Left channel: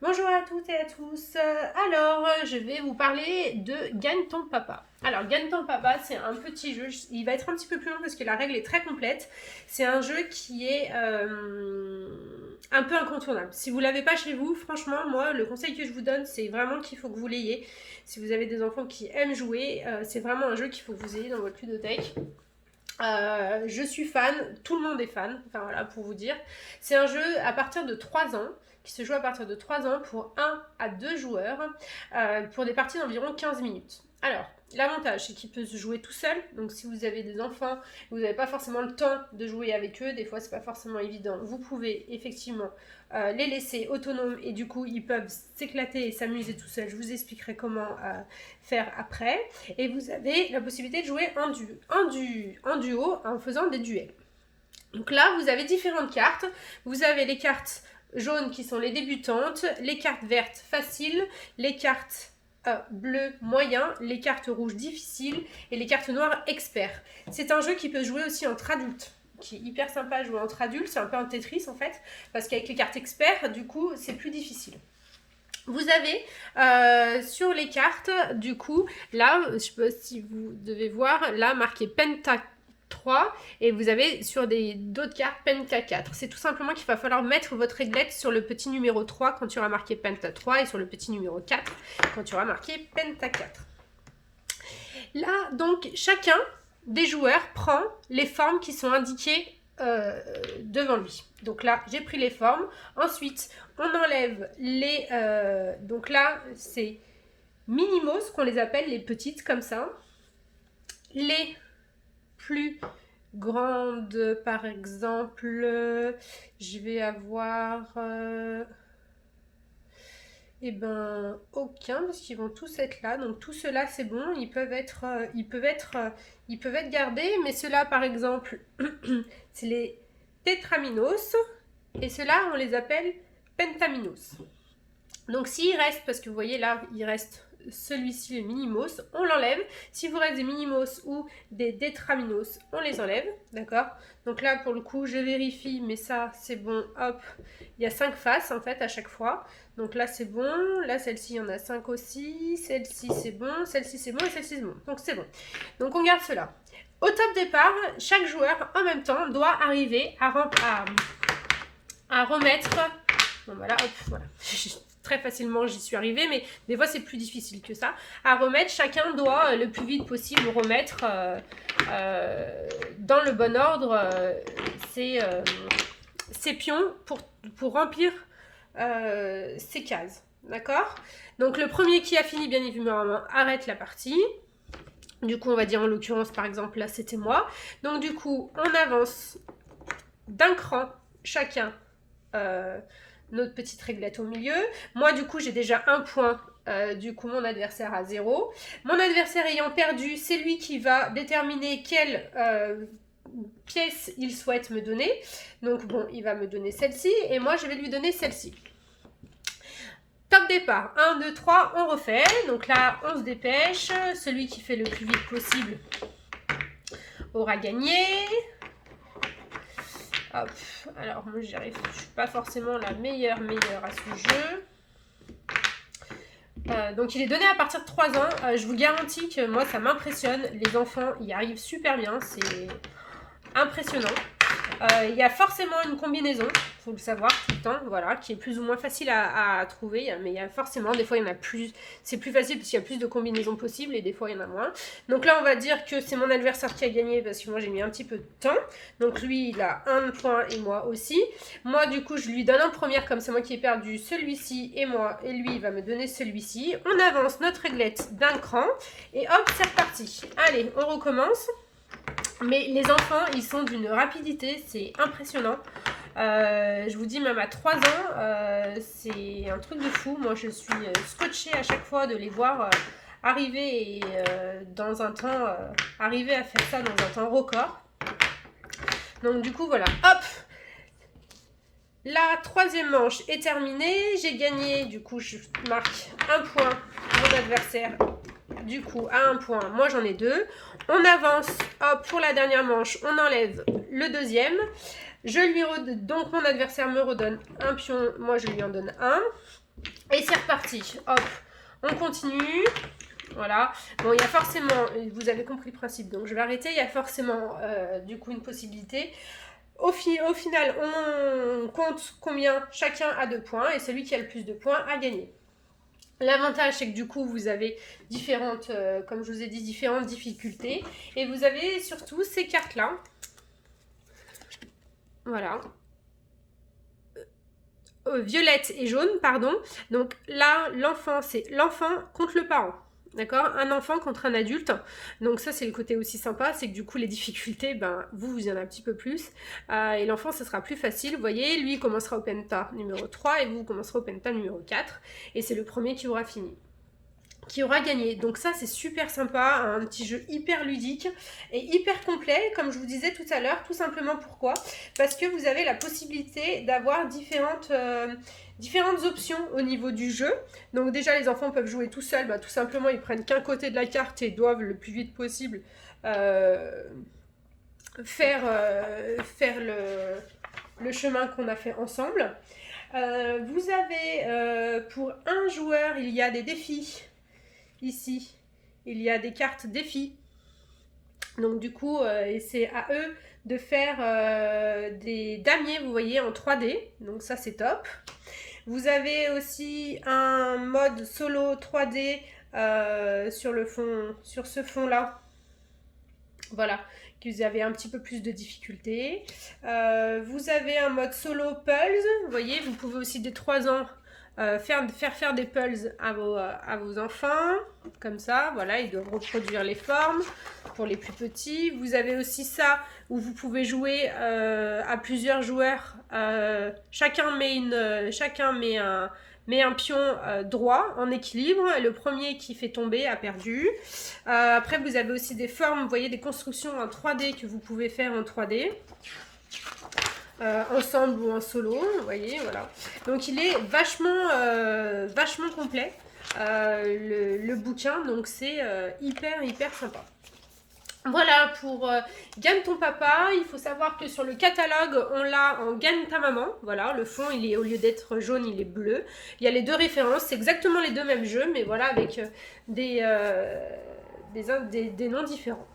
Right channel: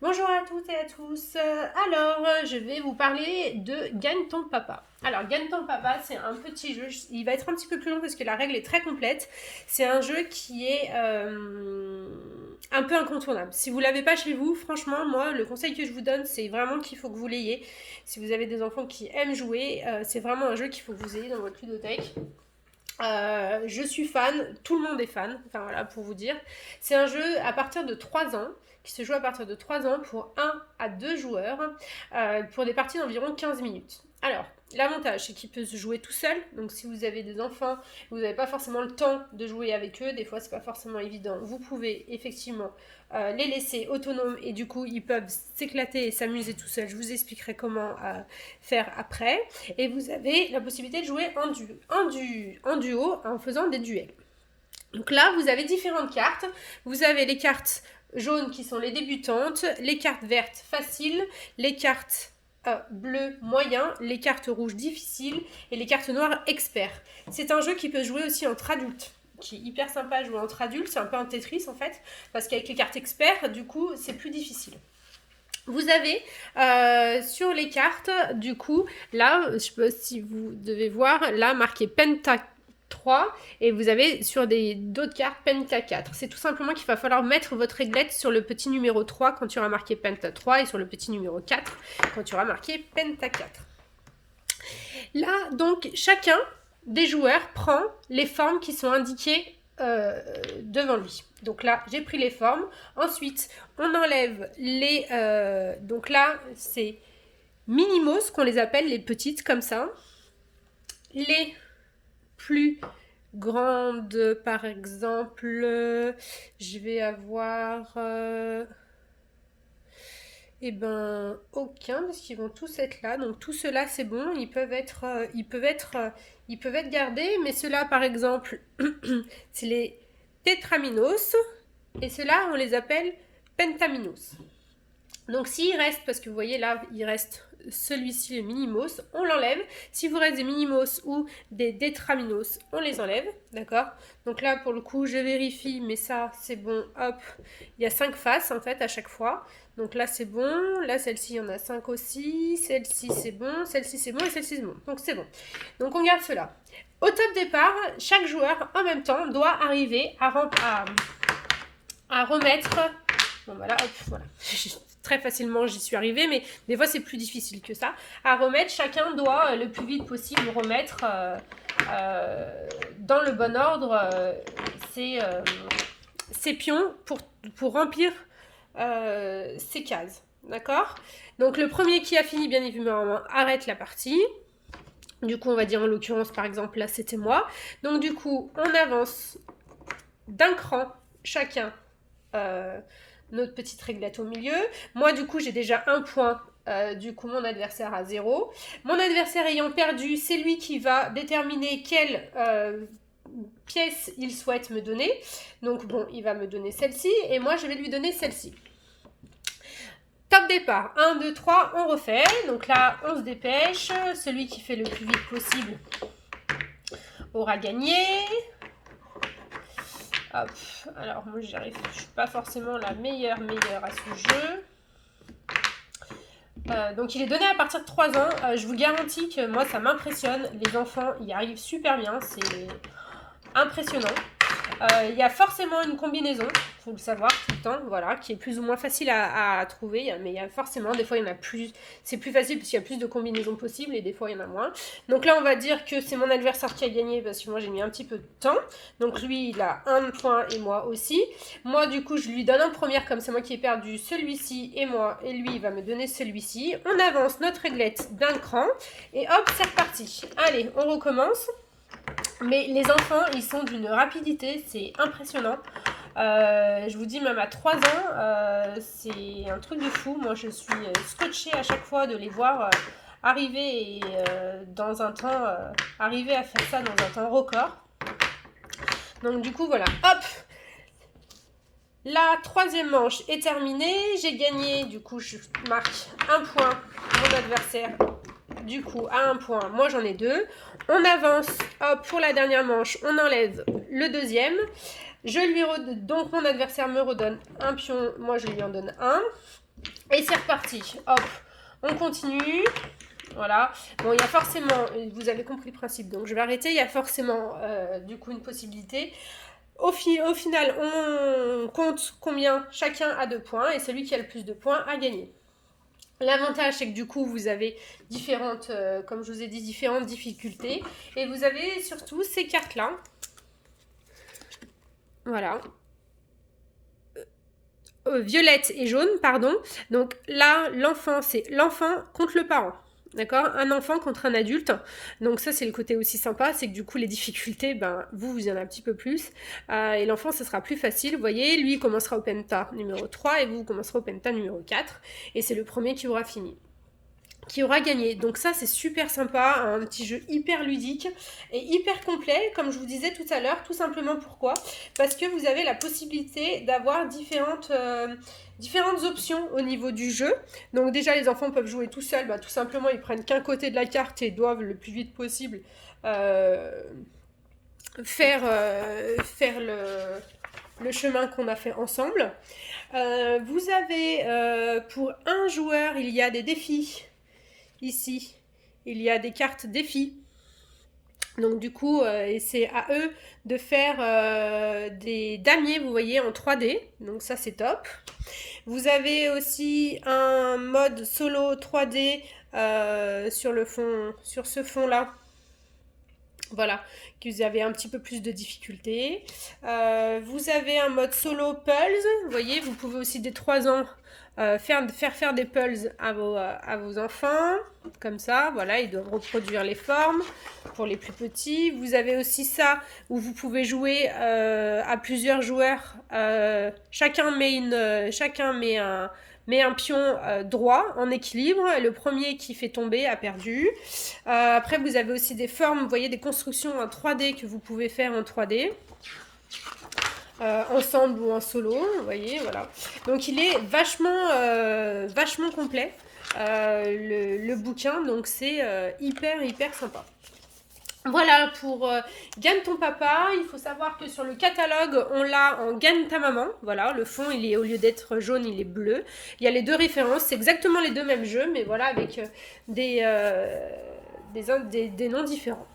Bonjour à toutes et à tous. Je vais vous parler de Gagne ton papa. Alors, Gagne ton papa, c'est un petit jeu. Il va être un petit peu plus long parce que la règle est très complète. C'est un jeu qui est un peu incontournable. Si vous l'avez pas chez vous, franchement, moi, le conseil que je vous donne, c'est vraiment qu'il faut que vous l'ayez. Si vous avez des enfants qui aiment jouer, c'est vraiment un jeu qu'il faut que vous ayez dans votre ludothèque. Je suis fan, tout le monde est fan, enfin voilà pour vous dire. C'est un jeu à partir de 3 ans, qui se joue à partir de 3 ans pour 1 à 2 joueurs, pour des parties d'environ 15 minutes. Alors, l'avantage c'est qu'il peut se jouer tout seul, donc si vous avez des enfants, vous n'avez pas forcément le temps de jouer avec eux, des fois c'est pas forcément évident, vous pouvez effectivement les laisser autonomes et du coup ils peuvent s'éclater et s'amuser tout seuls. Je vous expliquerai comment faire après. Et vous avez la possibilité de jouer en duo en faisant des duels. Donc là, vous avez différentes cartes. Vous avez les cartes jaunes qui sont les débutantes, les cartes vertes faciles, les cartes bleues moyen, les cartes rouges difficiles et les cartes noires experts. C'est un jeu qui peut jouer aussi entre adultes, qui est hyper sympa à jouer entre adultes. C'est un peu un Tetris en fait, parce qu'avec les cartes experts, du coup, c'est plus difficile. Vous avez sur les cartes, du coup, là, je ne sais pas si vous devez voir, là, marqué Penta 3, et vous avez sur d'autres cartes Penta 4. C'est tout simplement qu'il va falloir mettre votre réglette sur le petit numéro 3 quand il y aura marqué Penta 3 et sur le petit numéro 4 quand il y aura marqué Penta 4. Là, donc, chacun des joueurs prend les formes qui sont indiquées devant lui. Donc là, j'ai pris les formes. Ensuite, on enlève les... donc là, c'est minimos qu'on les appelle, les petites comme ça. Les plus grandes, par exemple, je vais avoir... eh ben, aucun, parce qu'ils vont tous être là. Donc, tout cela, c'est bon. Ils peuvent être gardés. Mais ceux-là, par exemple, c'est les tétraminos. Et ceux-là, on les appelle pentaminos. Donc, s'il reste, parce que vous voyez là, il reste celui-ci, le minimos, on l'enlève. Si vous reste des minimos ou des tétraminos, on les enlève. D'accord? Donc là, pour le coup, je vérifie, mais ça, c'est bon. Hop, il y a 5 faces, en fait, à chaque fois. Donc là, c'est bon. Là, celle-ci, il y en a 5 aussi. Celle-ci, c'est bon. Celle-ci, c'est bon. Et celle-ci, c'est bon. Donc, c'est bon. Donc, on garde cela. Au top départ, chaque joueur, en même temps, doit arriver à remettre... Bon, voilà, hop, voilà. Très facilement, j'y suis arrivée, mais des fois, c'est plus difficile que ça. À remettre, chacun doit, le plus vite possible, remettre dans le bon ordre ses pions pour remplir ces cases, d'accord? Donc le premier qui a fini, bien évidemment, arrête la partie. Du coup, on va dire en l'occurrence, par exemple, là, c'était moi. Donc du coup, on avance d'un cran, chacun, notre petite réglette au milieu. Moi, du coup, j'ai déjà un point. Du coup, mon adversaire a 0. Mon adversaire ayant perdu, c'est lui qui va déterminer quelle pièce il souhaite me donner. Donc bon, il va me donner celle-ci et moi, je vais lui donner celle-ci. Top départ, 1, 2, 3, on refait. Donc là, on se dépêche. Celui qui fait le plus vite possible aura gagné. Hop, alors moi je suis pas forcément la meilleure à ce jeu. Donc il est donné à partir de 3 ans. Je vous garantis que moi ça m'impressionne. Les enfants y arrivent super bien, c'est impressionnant. Il y a forcément une combinaison, il faut le savoir tout le temps, voilà, qui est plus ou moins facile à trouver, mais il y a forcément, des fois il y en a plus, c'est plus facile parce qu'il y a plus de combinaisons possibles et des fois il y en a moins. Donc là on va dire que c'est mon adversaire qui a gagné parce que moi j'ai mis un petit peu de temps, donc lui il a un point et moi aussi. Moi du coup je lui donne un premier comme c'est moi qui ai perdu celui-ci et moi, et lui il va me donner celui-ci. On avance notre réglette d'un cran et hop c'est reparti. Allez on recommence. Mais les enfants, ils sont d'une rapidité, c'est impressionnant. Je vous dis, même à 3 ans, c'est un truc de fou. Moi, je suis scotchée à chaque fois de les voir arriver dans un temps, arriver à faire ça dans un temps record. Donc, du coup, voilà. Hop! La troisième manche est terminée. J'ai gagné. Du coup, je marque un point. Mon adversaire, du coup, a un point. Moi, j'en ai 2. On avance. Hop, pour la dernière manche, on enlève le deuxième. Donc, mon adversaire me redonne un pion. Moi, je lui en donne un. Et c'est reparti. Hop, on continue. Voilà. Bon, il y a forcément, vous avez compris le principe, donc je vais arrêter. Il y a forcément, du coup, une possibilité. Au final, on compte combien chacun a de points et celui qui a le plus de points a gagné. L'avantage, c'est que du coup, vous avez différentes, comme je vous ai dit, différentes difficultés. Et vous avez surtout ces cartes-là. Voilà. Violette et jaune, pardon. Donc là, l'enfant, c'est l'enfant contre le parent. D'accord? Un enfant contre un adulte. Donc ça, c'est le côté aussi sympa, c'est que du coup, les difficultés, ben, vous y en avez un petit peu plus. Et l'enfant, ça sera plus facile. Vous voyez, lui, il commencera au penta numéro 3 et vous commencerez au penta numéro 4. Et c'est le premier qui aura fini. Qui aura gagné. Donc ça, c'est super sympa, un petit jeu hyper ludique et hyper complet, comme je vous disais tout à l'heure. Tout simplement pourquoi? Parce que vous avez la possibilité d'avoir différentes options au niveau du jeu. Donc déjà, les enfants peuvent jouer tout seuls. Tout simplement, ils prennent qu'un côté de la carte et doivent le plus vite possible faire le chemin qu'on a fait ensemble. Vous avez, pour un joueur, il y a des défis. Ici, il y a des cartes défis. Donc du coup, c'est à eux de faire des damiers, vous voyez, en 3D. Donc ça, c'est top. Vous avez aussi un mode solo 3D sur ce fond-là. Voilà, que vous avez un petit peu plus de difficultés. Vous avez un mode solo Pulse. Vous voyez, vous pouvez aussi dès 3 ans faire des pulls à vos enfants, comme ça, voilà, ils doivent reproduire les formes pour les plus petits. Vous avez aussi ça où vous pouvez jouer à plusieurs joueurs. Chacun met un pion droit en équilibre. Le premier qui fait tomber a perdu. Après, vous avez aussi des formes, vous voyez, des constructions en 3D que vous pouvez faire en 3D. Ensemble ou en solo, vous voyez, voilà. Donc il est vachement complet, le bouquin, donc c'est hyper sympa. Voilà pour Gagne ton papa. Il faut savoir que sur le catalogue, on l'a en Gagne ta maman. Voilà, le fond, il est, au lieu d'être jaune, il est bleu. Il y a les deux références, c'est exactement les deux mêmes jeux, mais voilà, avec des noms différents.